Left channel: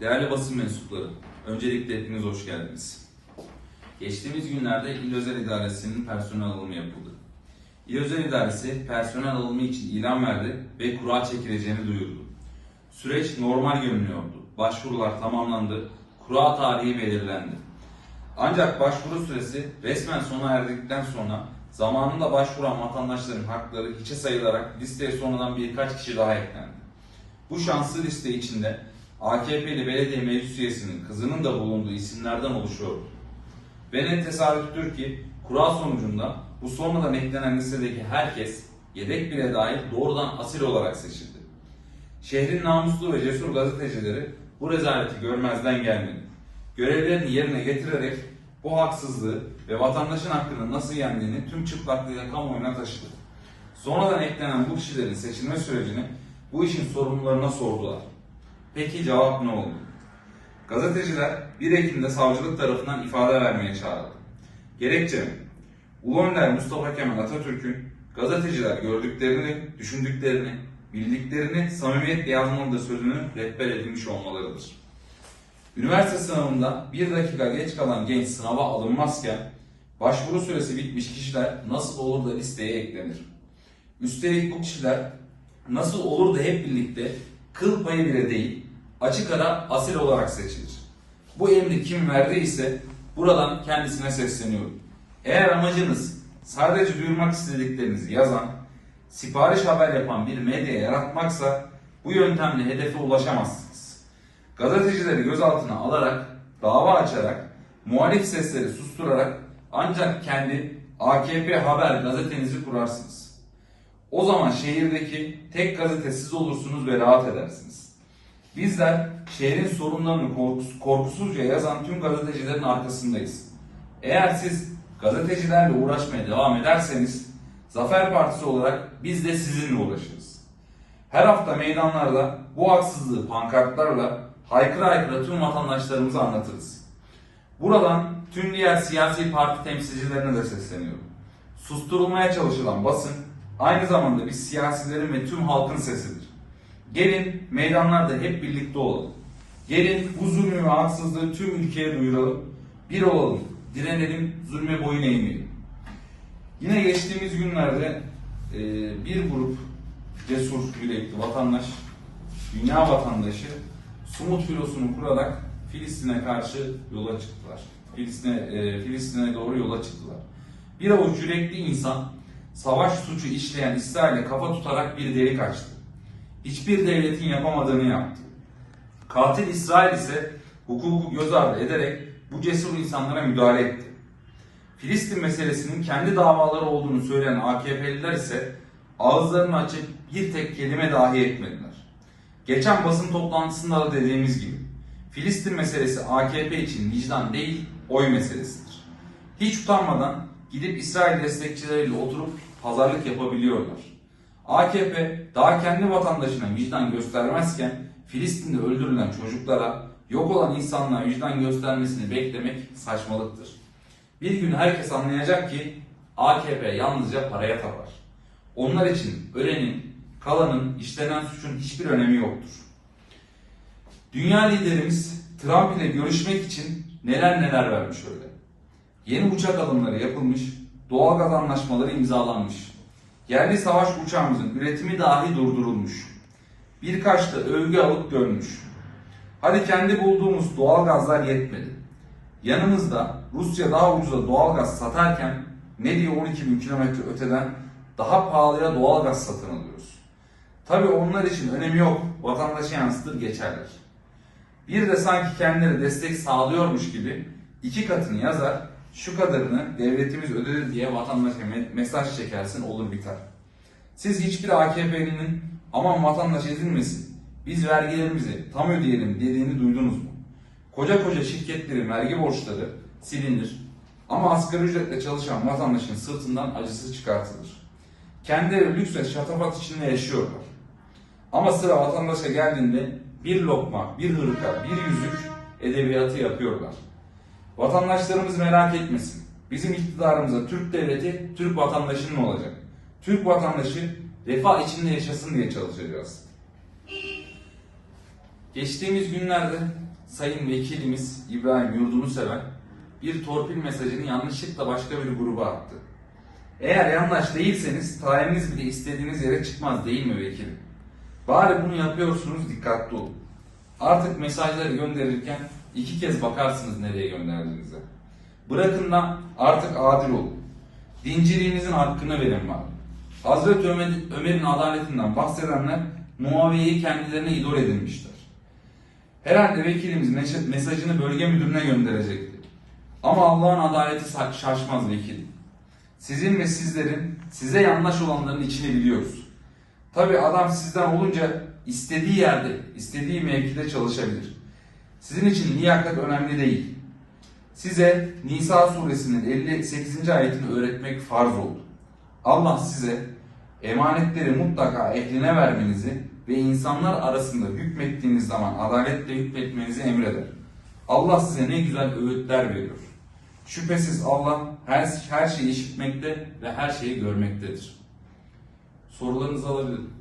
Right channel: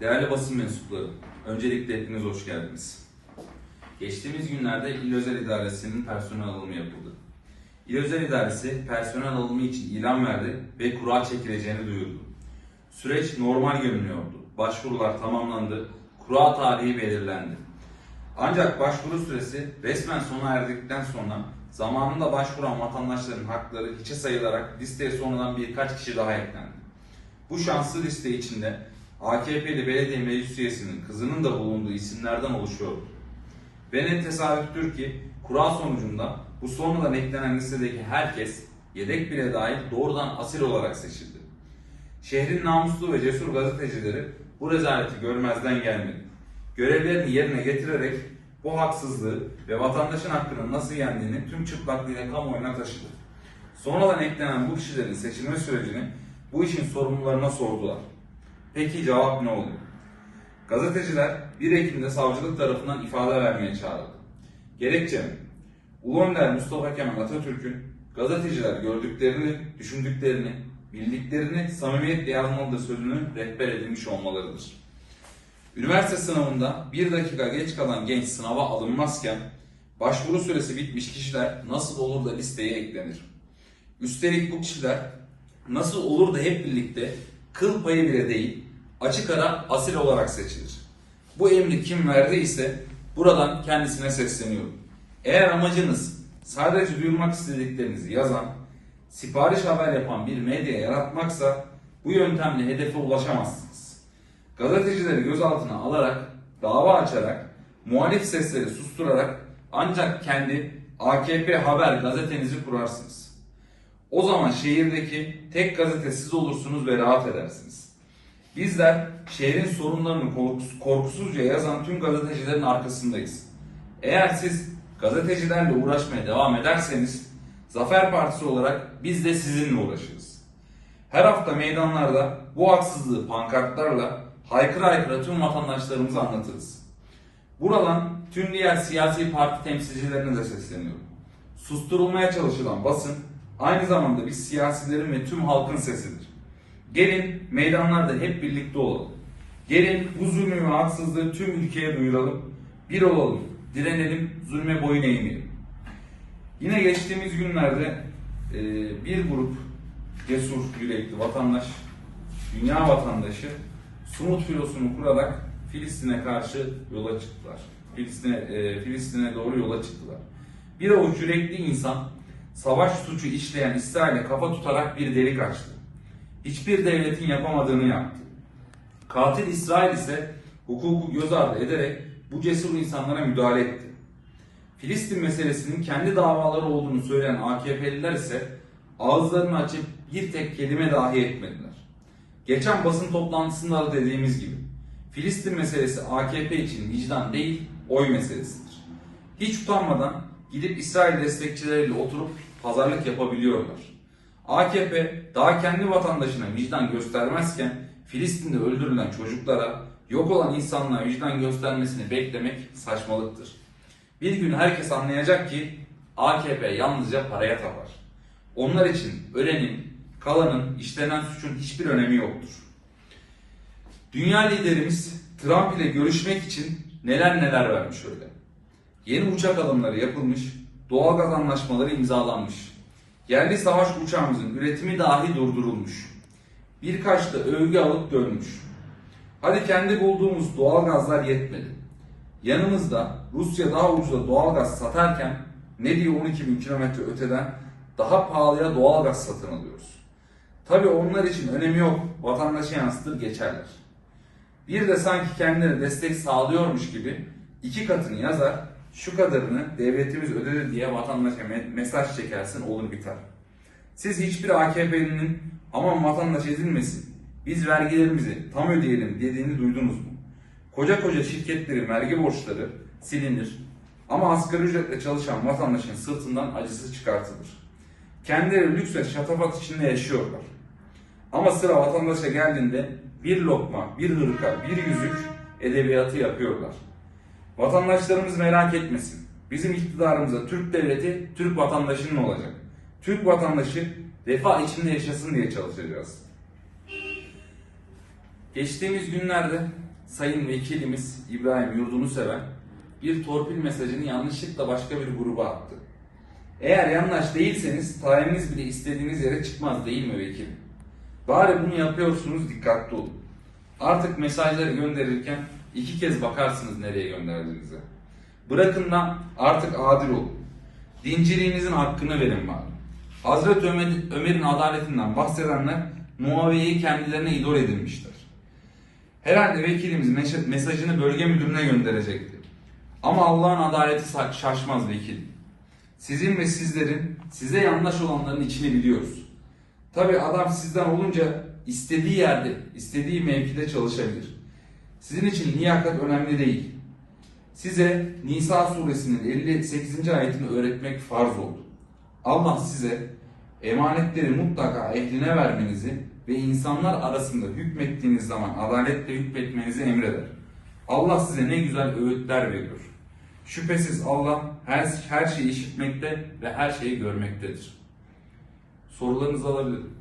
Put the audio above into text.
Değerli basın mensupları, öncelikle hepiniz hoş geldiniz. Geçtiğimiz günlerde İl Özel İdaresi'nin personel alımı yapıldı. İl Özel İdaresi personel alımı için ilan verdi ve kura çekileceğini duyurdu. Süreç normal görünüyordu. Başvurular tamamlandı, kura tarihi belirlendi. Ancak başvuru süresi resmen sona erdikten sonra zamanında başvuran vatandaşların hakları hiçe sayılarak listeye sonradan birkaç kişi daha eklendi. Bu şanslı liste içinde AKP'li belediye meclis üyesinin kızının da bulunduğu isimlerden oluşuyordu. Ve ne tesadüftür ki kural sonucunda bu sonradan eklenen listedeki herkes yedek bile dahil doğrudan asil olarak seçildi. Şehrin namuslu ve cesur gazetecileri bu rezaleti görmezden gelmedi. Görevlerini yerine getirerek bu haksızlığı ve vatandaşın hakkını nasıl yendiğini tüm çıplaklığıyla kamuoyuna taşıdı. Sonradan eklenen bu kişilerin seçilme sürecini bu işin sorumlularına sordular. Peki cevap ne oldu? Gazeteciler 1 Ekim'de savcılık tarafından ifade vermeye çağrıldı. Gerekçe mi? Ulu Önder Mustafa Kemal Atatürk'ün gazeteciler gördüklerini, düşündüklerini, bildiklerini samimiyetle yazmalıdır sözünü rehber edilmiş olmalarıdır. Üniversite sınavında bir dakika geç kalan genç sınava alınmazken başvuru süresi bitmiş kişiler nasıl olur da listeye eklenir? Üstelik bu kişiler nasıl olur da hep birlikte kıl payı bile değil açık ara asil olarak seçilir. Bu emri kim verdiyse buradan kendisine sesleniyorum. Eğer amacınız sadece duyurmak istediklerinizi yazan, sipariş haber yapan bir medya yaratmaksa bu yöntemle hedefe ulaşamazsınız. Gazetecileri gözaltına alarak, dava açarak, muhalif sesleri susturarak ancak kendi AKP haber gazetenizi kurarsınız. O zaman şehirdeki tek gazete siz olursunuz ve rahat edersiniz. Bizler şehrin sorunlarını korkus- korkusuzca yazan tüm gazetecilerin arkasındayız. Eğer siz gazetecilerle uğraşmaya devam ederseniz Zafer Partisi olarak biz de sizinle uğraşırız. Her hafta meydanlarda bu haksızlığı pankartlarla haykıra haykıra tüm vatandaşlarımıza anlatırız. Buradan tüm diğer siyasi parti temsilcilerine de sesleniyorum. Susturulmaya çalışılan basın aynı zamanda biz siyasilerin ve tüm halkın sesidir. Gelin meydanlarda hep birlikte olalım. Gelin bu zulmü ve haksızlığı tüm ülkeye duyuralım. Bir olalım, direnelim, zulme boyun eğmeyelim. Yine geçtiğimiz günlerde e, bir grup cesur yürekli vatandaş, dünya vatandaşı Sumut filosunu kurarak Filistin'e karşı yola çıktılar. Filistin'e e, Filistin'e doğru yola çıktılar. Bir avuç yürekli insan savaş suçu işleyen İsrail'e kafa tutarak bir delik açtı. Hiçbir devletin yapamadığını yaptı. Katil İsrail ise hukuku göz ardı ederek bu cesur insanlara müdahale etti. Filistin meselesinin kendi davaları olduğunu söyleyen AKP'liler ise ağızlarını açıp bir tek kelime dahi etmediler. Geçen basın toplantısında da dediğimiz gibi Filistin meselesi AKP için vicdan değil, oy meselesidir. Hiç utanmadan gidip İsrail destekçileriyle oturup pazarlık yapabiliyorlar. AKP daha kendi vatandaşına vicdan göstermezken Filistin'de öldürülen çocuklara, yok olan insanlara vicdan göstermesini beklemek saçmalıktır. Bir gün herkes anlayacak ki AKP yalnızca paraya tapar. Onlar için ölenin, kalanın, işlenen suçun hiçbir önemi yoktur. Dünya liderimiz Trump ile görüşmek için neler neler vermiş öyle. Yeni uçak alımları yapılmış, doğalgaz anlaşmaları imzalanmış. Yerli savaş uçağımızın üretimi dahi durdurulmuş. Birkaç da övgü alıp dönmüş. Hadi kendi bulduğumuz doğalgazlar yetmedi. Yanımızda Rusya daha ucuza doğalgaz satarken ne diye 12 bin kilometre öteden daha pahalıya doğalgaz satın alıyoruz. Tabii onlar için önemi yok. Vatandaşı yansıtır geçerler. Bir de sanki kendileri destek sağlıyormuş gibi iki katını yazar, şu kadarını devletimiz ödedi diye vatandaşa me- mesaj çekersin olur biter. Siz hiçbir AKP'linin aman vatandaş ezilmesin, biz vergilerimizi tam ödeyelim dediğini duydunuz mu? Koca koca şirketlerin vergi borçları silinir ama asgari ücretle çalışan vatandaşın sırtından acısı çıkartılır. Kendileri lüks ve şatafat içinde yaşıyorlar. Ama sıra vatandaşa geldiğinde bir lokma, bir hırka, bir yüzük edebiyatı yapıyorlar. Vatandaşlarımız merak etmesin. Bizim iktidarımıza Türk devleti, Türk vatandaşının olacak. Türk vatandaşı refah içinde yaşasın diye çalışacağız. Geçtiğimiz günlerde Sayın Vekilimiz İbrahim Yurdunu seven bir torpil mesajını yanlışlıkla başka bir gruba attı. Eğer yanlış değilseniz tayininiz bile istediğiniz yere çıkmaz değil mi vekilim? Bari bunu yapıyorsunuz dikkatli olun. Artık mesajları gönderirken iki kez bakarsınız nereye gönderdiğinize. Bırakın da artık adil olun. Dinciliğinizin hakkını verin bana. Hazreti Ömer, Ömer'in adaletinden bahsedenler Muaviye'yi kendilerine idol edinmişler. Herhalde vekilimiz mes- mesajını bölge müdürüne gönderecekti. Ama Allah'ın adaleti şaşmaz vekilim. Sizin ve sizlerin size yanlış olanların içini biliyoruz. Tabi adam sizden olunca istediği yerde, istediği mevkide çalışabilir. Sizin için liyakat önemli değil. Size Nisa suresinin 58. ayetini öğretmek farz oldu. Allah size emanetleri mutlaka ehline vermenizi ve insanlar arasında hükmettiğiniz zaman adaletle hükmetmenizi emreder. Allah size ne güzel öğütler veriyor. Şüphesiz Allah her, her şeyi işitmekte ve her şeyi görmektedir. Sorularınızı alabilirim.